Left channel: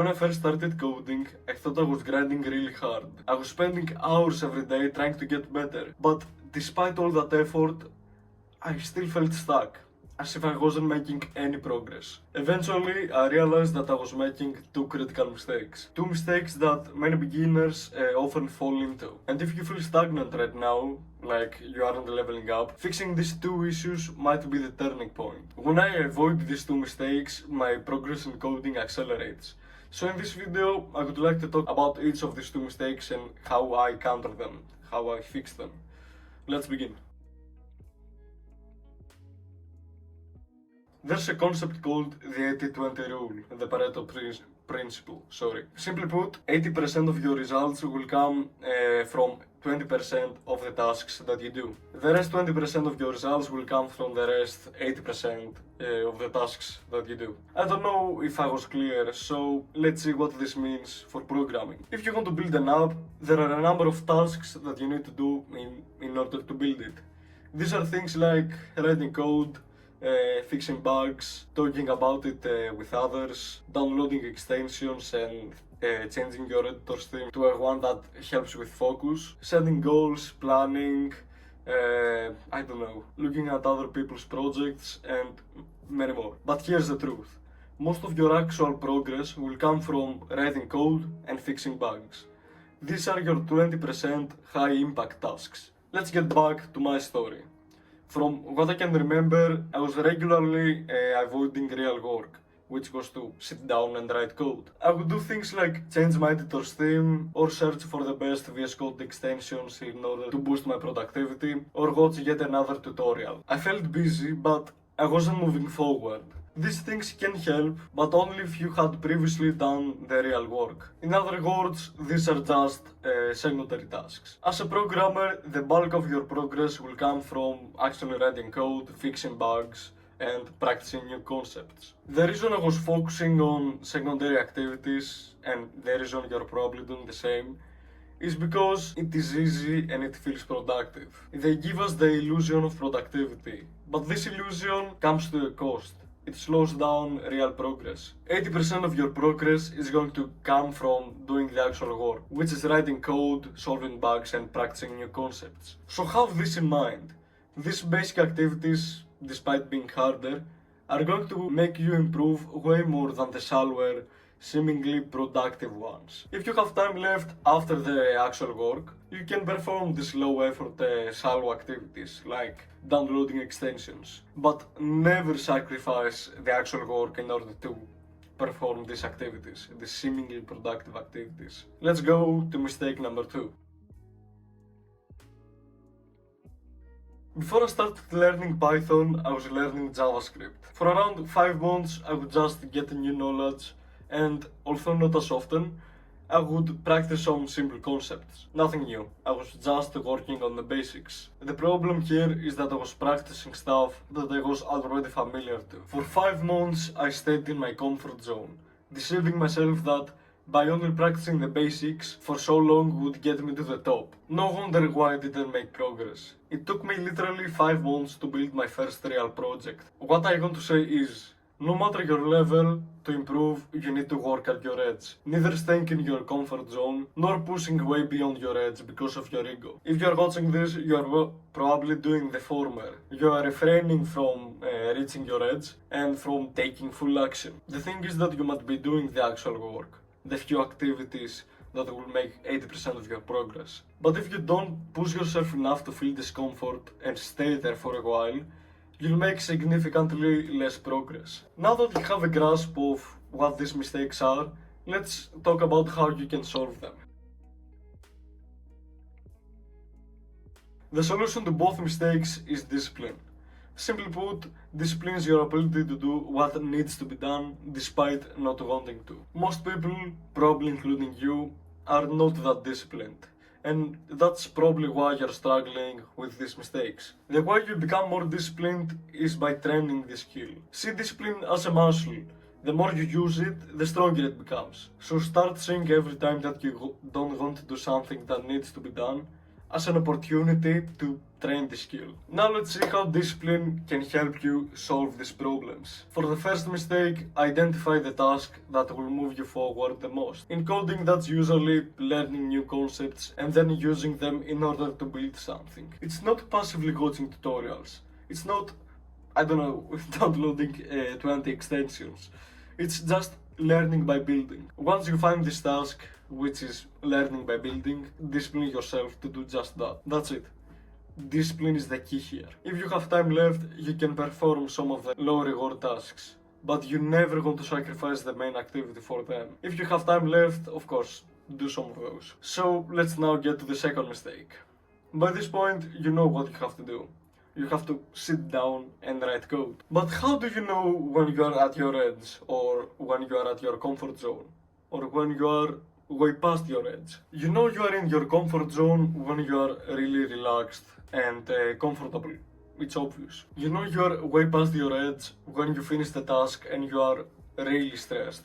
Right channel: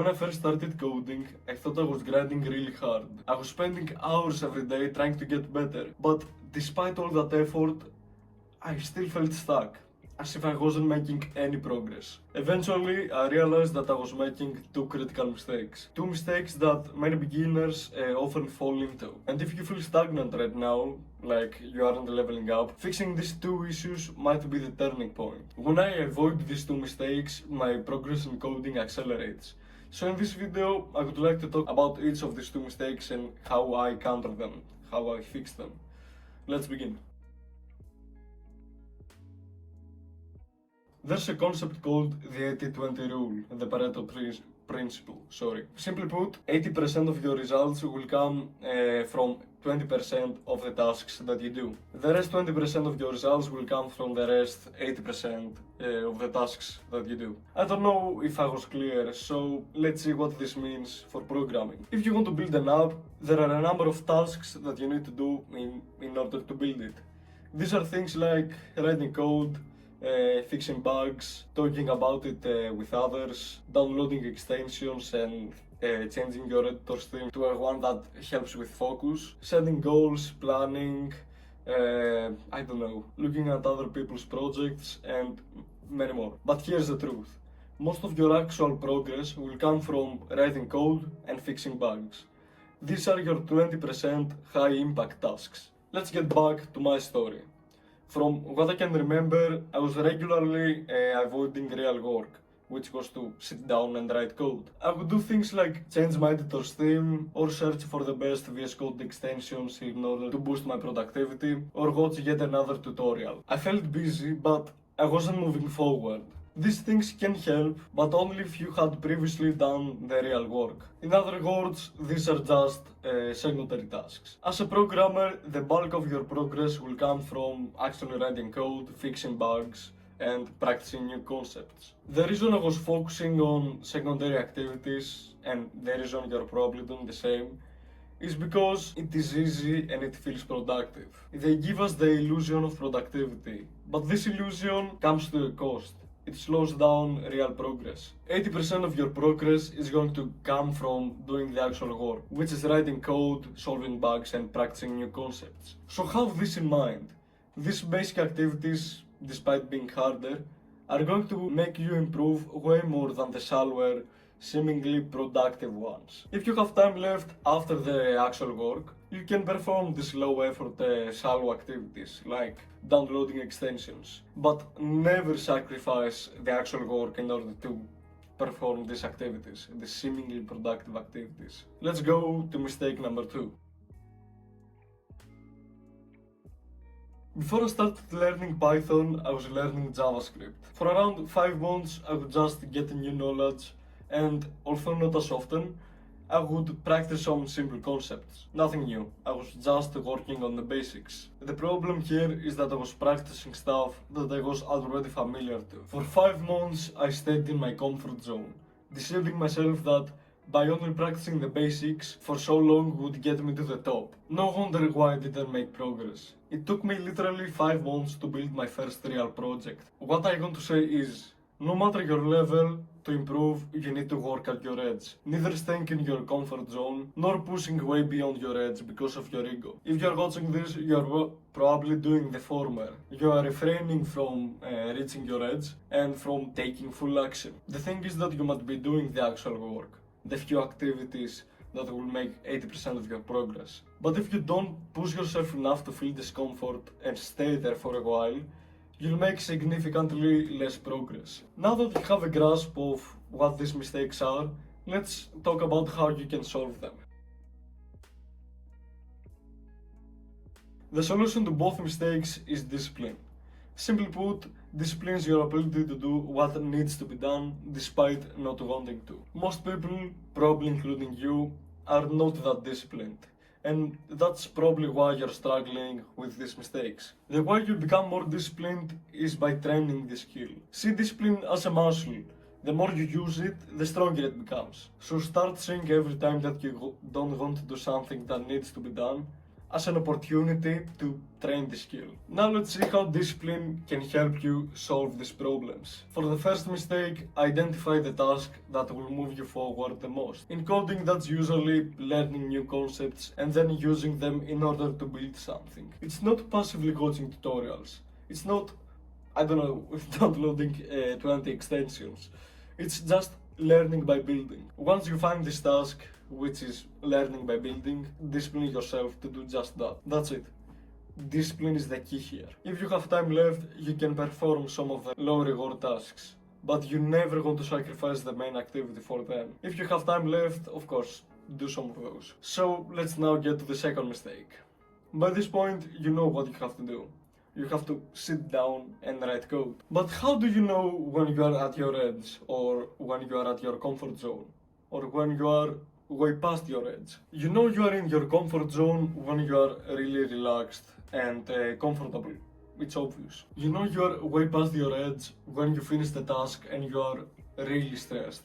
When I first started coding, I thought I was grinding really hard. I was spending hours every day trying to get better, but despite all that effort, I still felt stuck, as if I wasn't making any progress. Eventually, I realized that I was making two critical mistakes. Two mistakes that many beginners often fall into. And if you feel stagnant right now, like you aren't leveling up, fixing these two issues might be the turning point. When I avoid these two mistakes, my progress in coding accelerates. So in this video, I would like to talk about each of these two mistakes and how I counter them, how I fix them. Let's begin. There's a concept called the 80-20 rule, the Pareto principle, Simply put, 80% of your results will come from 20% of the tasks that you do. The rest 20% of your results will come from the rest 80% of the tasks that you do. I don't know if I was clear, so let's see what this means for programming. If you want to build an app, there are a number of tasks that you need to do in order to build it. These are things like writing code, fixing bugs, talking about it with others, downloading extensions and changing your editor's theme to one that helps with focus, setting goals, planning, I don't know, looking at other people's projects and many more. But here's the truth. Most of your actual progress will come from writing code and fixing bugs. These are your 20% high impact tasks. Let's get back to my story. From what I can remember, I was regularly avoiding real work, which was to sit down and write code. I would do things like change my editor's theme, or search for the best VS Code extensions in order to boost my productivity, or watch yet another tutorial. I felt busy, but I wasn't moving forward. These things can help, but only if you had previously done the real work. In other words, these are just secondary tasks. As a programmer, the bulk of your progress will come from actually writing code, fixing bugs, and practicing new concepts. The reason I was focusing on secondary activities, and the reason you're probably doing the same, is because it is easy and it feels productive. They give us the illusion of productivity, but this illusion comes to a cost. It slows down real progress. 80% of your progress is going to come from doing the actual work, which is writing code, solving bugs, and practicing new concepts. So have this in mind. These basic activities, despite being harder, are going to make you improve way more than the shallower, seemingly productive ones. If you have time left after the actual work, you can perform these low effort shallow activities like downloading extensions, but never sacrifice the actual work in order to perform these activities, these seemingly productive activities. Let's go to mistake number 2. Before I started learning Python, I was learning JavaScript. For around 5 months, I would just get new knowledge, and although not as often, I would practice some simple concepts. Nothing new, I was just working on the basics. The problem here is that I was practicing stuff that I was already familiar to. For 5 months, I stayed in my comfort zone, deceiving myself that by only practicing the basics for so long would get me to the top. No wonder why I didn't make progress. It took me literally 5 months to build my first real project. What I want to say is, no matter your level, to improve, you need to work at your edge. Neither staying in your comfort zone, nor pushing way beyond your edge because of your ego. If you're watching this, you're probably doing the former. You are refraining from reaching your edge and from taking full action. The thing is that you must be doing the actual work, the few activities that will make 80% of your progress. But if you don't push yourself enough to feel discomfort and stay there for a while, you'll make significantly less progress. Now that you have a grasp of what these mistakes are, let's talk about how you can solve them. The solution to both mistakes is discipline. Simply put, discipline is your ability to do what needs to be done despite not wanting to. Most people, probably including you, are not that disciplined. And that's probably why you're struggling with these mistakes. The way you become more disciplined is by training this skill. See discipline as a muscle. The more you use it, the stronger it becomes. So start seeing every time that you don't want to do something that needs to be done as an opportunity to train the skill. Now let's see how discipline can help you solve these problems. For the first mistake, identify the task that will move you forward the most. In coding, that's usually learning new concepts and then using them in order to build something. It's not passively watching tutorials. It's not, I don't know, downloading 20 extensions. It's just learning by building. Once you find this task, which is learning by building, discipline yourself to do just that. That's it. Discipline is the key here. If you have time left, you can perform some of the low reward tasks, but you never want to sacrifice the main activity for them. If you have time left, of course, do some of those. So let's now get to the second mistake. By this point, you know what you have to do. You have to sit down and write code. But how do you know when you are at your edge, or when you are at your comfort zone, or when you are way past your edge? You know you are in your comfort zone when you are really relaxed and comfortable. It's obvious. You know you are way past your edge when you finish the task and you are really stressed,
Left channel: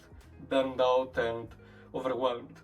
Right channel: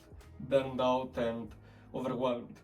burned out and overwhelmed.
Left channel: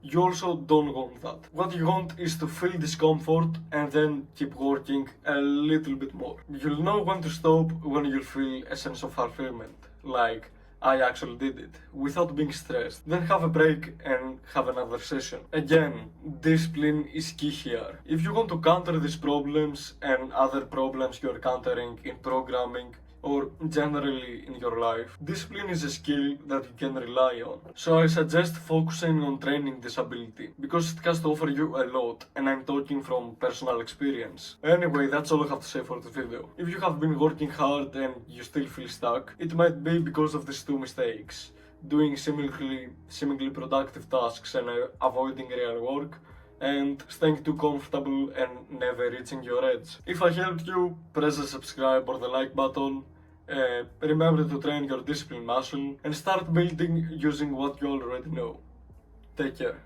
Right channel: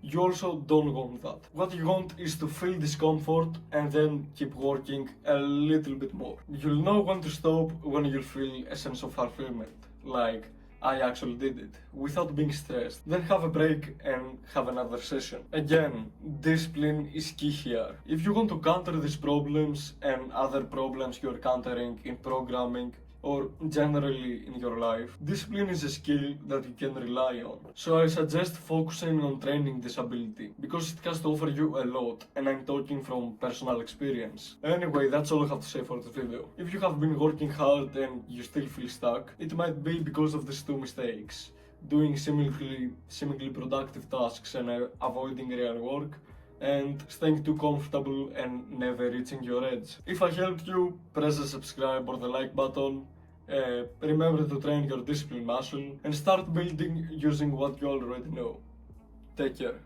You also don't want that. What you want is to feel discomfort and then keep working a little bit more. You'll know when to stop when you'll feel a sense of fulfillment, like I actually did it, without being stressed. Then have a break and have another session. Again, discipline is key here. If you want to counter these problems and other problems you're countering in programming, or generally in your life, discipline is a skill that you can rely on. So I suggest focusing on training this ability, because it has to offer you a lot, and I'm talking from personal experience. Anyway, that's all I have to say for this video. If you have been working hard and you still feel stuck, it might be because of these two mistakes: doing seemingly productive tasks and avoiding real work, and staying too comfortable and never reaching your edge. If I helped you, press the subscribe or the like button. Remember to train your discipline muscle and start building using what you already know. Take care.